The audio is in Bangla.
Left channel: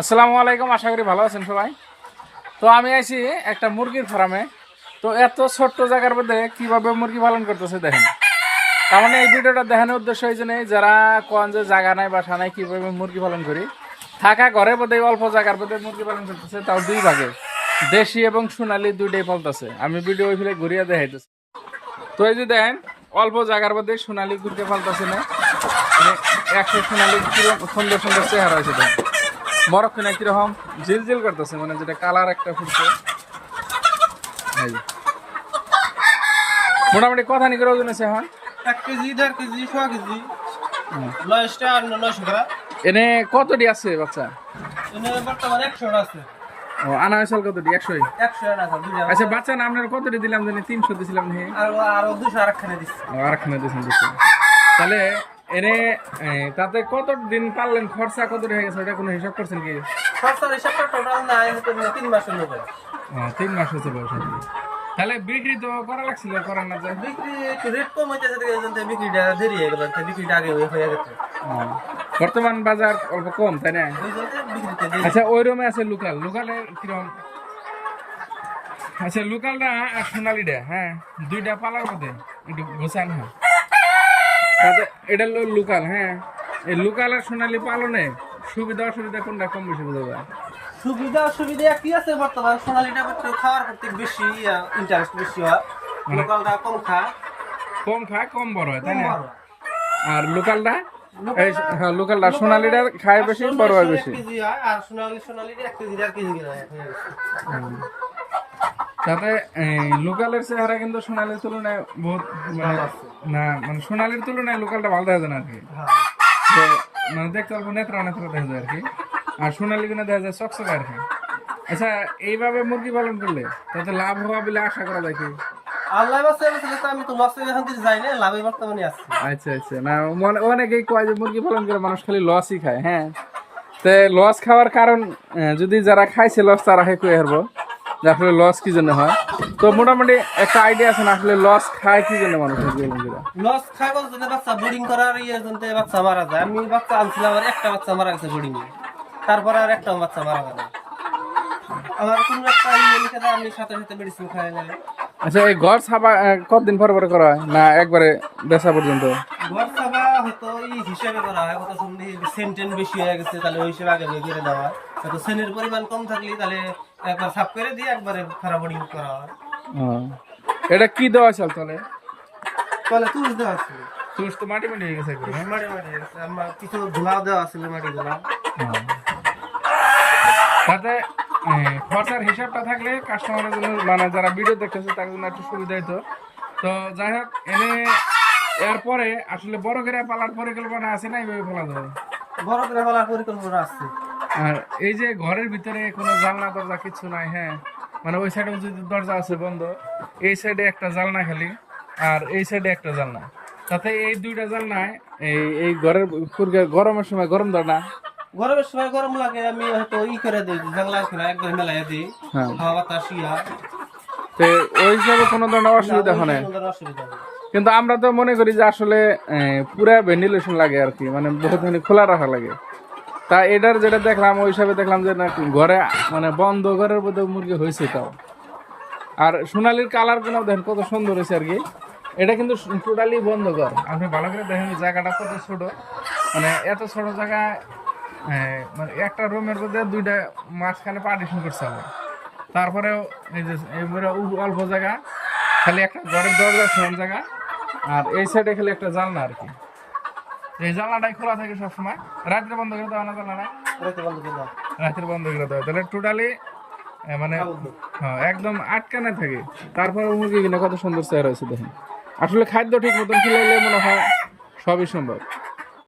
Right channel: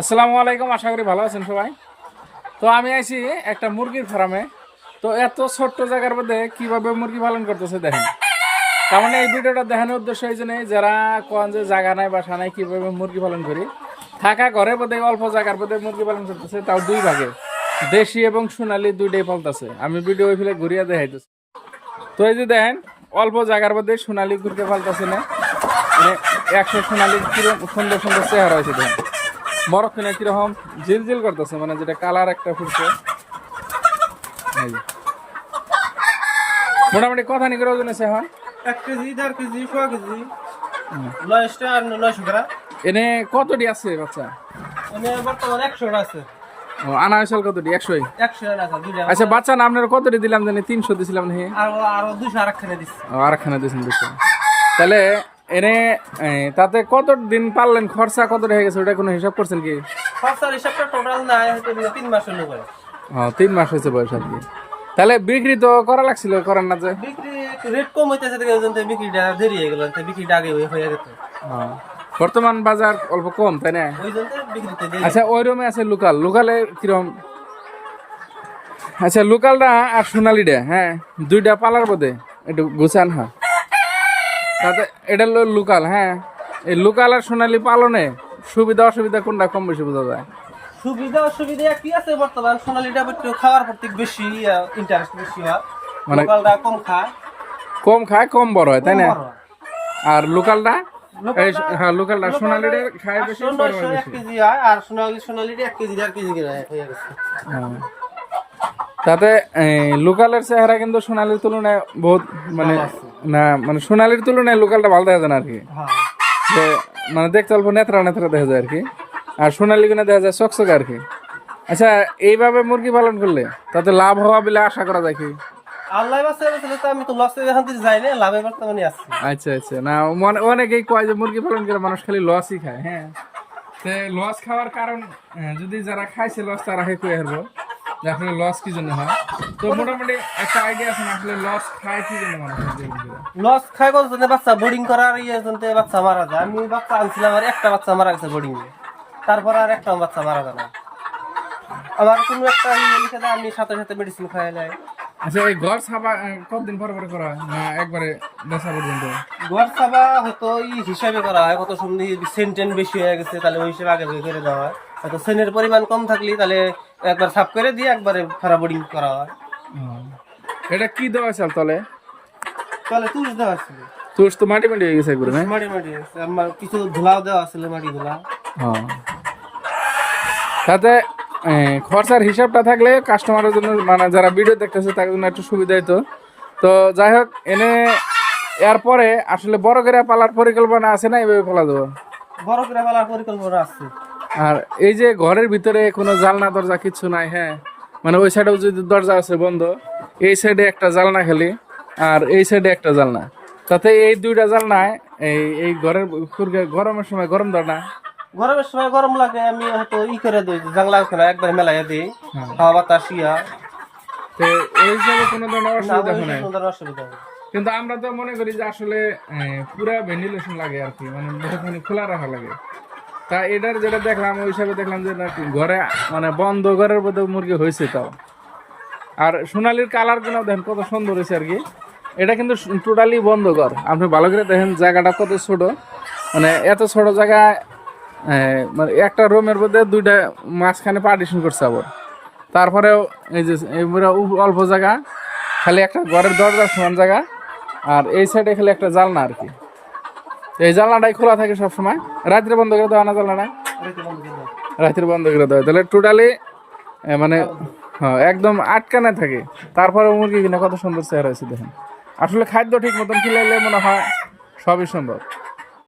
আসসালামু আলাইকুম, আশা করি ভালো আছেন সবাই। তো আমি আইছি একটা মুরগির ফার্মে। তো এত ছোট্ট জায়গার মধ্যে কীভাবে মুরগি পালন করতেছে দেখেন। তার মানে এই ভিডিওটা দেখানোর উদ্দেশ্য এই জন্যই যারা কোন যে জায়গা নাই, বাসা নাই, কীভাবে মুরগি পালন করি। থাকা ঘরে বোধ অল্প জায়গার মধ্যে মুরগি পালন করতেছে, তাও দুই ভাগে। দেশি এবং সোনালি দুইটাই পালতেছে। আমি ভিডিও ওই ফেলে ঘুরিয়ে দেখাইতেছি। তো এই যে দেখেন, অল্প জায়গার মধ্যে সোনালি ঘুরকে পালতেছে না। মানে একশো সোনালি সুন্দর সুন্দর চেহারা হয়েছে দেখেন। মরক্ষণে কীরকম ঝিলঝিল করতেছে মানে যেটা কালার একটা ফুটছে। মোটামুটি কথা নিকে ওজন আছে এখন? এক কেজি দেড় কেজি ছ কেজি। নয়শটা আর নয়শো গ্রাম এনে কতটি আছে বাচ্চা? এনে বর্তমান একশো আছে। ও আনা হয়েছিল কতটি? একশোই? আচ্ছা বাচ্চা না আপনার কতটি দিলাম জানি? তিনশো দিছিলাম আর আরও দুশো আর একখানে দিচ্ছি। ও আরেকখানে দিয়েছেন তাহলে এনে তাতে কত দিন পারলেন? খরচা কত হয়ে গেছে? ওটা কোনো হিসাব করছেন কি? খরচার হিসাবটা টোটাল নাই তিন মাস হলো করে তিন মাস হয়েছে বয়স আর কি। তাহলে বিক্রি তো করা লাগছিল করেন না যে। বিক্রি রেট কম হইতেছে দেখে এই জন্য বিক্রিটা দেরি হয়ে গেল বিক্রিটা আগে হয়ে- হয়ে গেছে। ও, বর্তমান বাজার অল্প কম তাই না? আচ্ছা ওই রুমে আছে লোকাল। লোকালে কীরকম আচ্ছা লোকালটা আর সোনালিটা হ্যাঁ? দুইটা পালার বোধে একটু গুছান হ্যাঁ? তাতে এটা লোকাল হ্যাঁ। এই লোকাল আর সোনালি পালনে সুবিধা অসুবিধা কোনটা কম বেশি বোঝা যায়? সুবিধা অসুবিধা একই আছে বর্তমান সোনালিটা একটু খাওয়ার প্রতি বেশি ইন্টারেস্ট বেশি হয়। মানে- লোকালটা কম খায়। কম খায় কম বড় হয় তাই না? আর লোকালটা হ্যাঁ লোকালটা সোনালিটা খায় বেশি বড় হয় বেশি। আর সোনালি সোনালিটা এক কেজি দেড় কেজি হ্যাঁ। তাতে লোকালের চেহারা কিন্তু সোনালির তুলনায় বহুত মানে না মানে সোনালির তুলনায় লোকালটা ভালো দেখা যায় না আর কি। হ্যাঁ। যে মানে দেখতে অল্প নেত্রা নেত্রা দেখা যায় আর কি। আর সোনালি কিনে দেখা যায় চকচক আর কি। আচ্ছা এইভাবে মুরগি পালন করলে তাতে লাভ হওয়া বলে আশা করা যায় কি? আল্লাহ বাসে বছরে তো আমি তো লসে এখন থেকে যাই না লাভে বর্তমানে আছি। আচ্ছা আচ্ছা। না অনেকেই কয় যে মুরগি পালন করে মানুষ খালি লসই খায় হ্যাঁ? তো লস খাওয়ার কারণ যদি যারা খাইছে লস তারা হে কয়ে হারবো। যে আসলে লস কি জন্য হয়? তো মোটামুটি একটা আইডিয়া আছে না আসলে লস খায় কি জন্য মানুষ লস কোন জন্য বাচ্চা বোর্ডিং করার ইয়ে জন্য বাচ্চা মারা যায়। আমি বাচ্চা আনছিলাম আর একটা বাচ্চা মারা গেছে বোর্ডিং তারপরে আর একটা বাচ্চা মারা যায় না। আমার কোনো একটা ইয়ে লিখে দেয়, আমি সাথে সাথে মেডিসিন খাই নেয়। আচ্ছা এই ঘর ছাপা কতদিন পর পরে করা হয়? না একবারে বেচা পর্যন্ত? ঘর সাবা হয়তো ই হিসাবে করা হয় কত সুন্দর সেন্টেন বেশি হয়ে গেছে তাহলে ওই হিসেবে আগে আগে করে দেওয়া হয়। হয়তো সেনের পরিমাণ কম থাকলে তাহলে একবার সাফ করে দিয়ে একবারে খারাপ বোর্ডিং করা হয়। এটা কি দেওয়া চাল তলে তাহলে তুষ দেওয়া ছিল তুষ তো মাটি মাটি হয়ে গেছে মাটি মাটি। আমার কিছু ধুলাও দেওয়া ছিল মাটি ধুলা। তাতে খরচার হিসাবটা থাকলে কাস্টমারের জন্য মানে যারা ভিডিও দেখতেছে তার জন্য একটু সুবিধা হতো তো যাই হোক এনে এরপরে আসলে বড় করে পালার পরিকল্পনা আছে না এইভাবে ফেলা দেবো বড় করে পালার পরিকল্পনা আছে। আর এই যে ঘরের ভিতরে কোনো জালনা দরজা কিছু নাই হ্যাঁ। মানে ওই সাইডেও যদি দরজা আছে বন্ধ এই সাইডে একটা জালনা খালি আর এই সাইডে একটা জালনা। তাতে এই দুইটা জালনায় এই এই ঘরের ফুরকে- গরমের সময় গরম ধরে না। গরমের সময় গরম লাগে আমি হয়তো ই করে দিই জানলা খেলা একবার মেলাই দিই হ্যাঁ। হাওয়া বাতাস ইয়া। তো ওই হিসাবে কোনো ধরনের অসুবিধা হয় অসুবিধা কিন্তু আমরা তো মনে করি যে আসলে পুরা ভেন্টিলেশন লাগে আর কি মানে বহুত মানে খোলা রাখা লাগে। তা এটার যেটা দেখলাম, ওই হিসাবে দেখলাম যে নাকি ঘরে মানে বন্ধ ঘরের মধ্যে মুরগি হয়েছে তাও। আর সোনালির কালারগুলো দেখেন কত সুন্দর হয়েছে আর কি। এটা কিন্তু টোটালি বন্ধ ঘর। আপনি ভালো করে দেখেন জায়গাটা কত ছোট। মানে এত ছোট জায়গায় মানে একটা রুমের মধ্যে দুইটা মাঝখানে পার্টিশন করছে আবার। তারপরেও এই যে অল্প জায়গা, খালি একটা ঘরের দরজা সমান জায়গা, আর এই সাইডে খালি একটা জালনা আর কি। এই জানলাটাই খোলা থাকে সবসময়। রাত্রে বন্ধ করে দেওয়া না জানলা নাই বন্ধ রাত্রে বন্ধ করে দেওয়া। তাহলে টোটালি মানে হ্যাঁ একদম আটকানে থাকে। তারপরে মুরগি কিনা কত সুন্দর চেয়ার হয়েছে দেখেন। আসলে খাদ্য ঠিক মতন খিলাইলে মনে হয় সবই সম্ভব।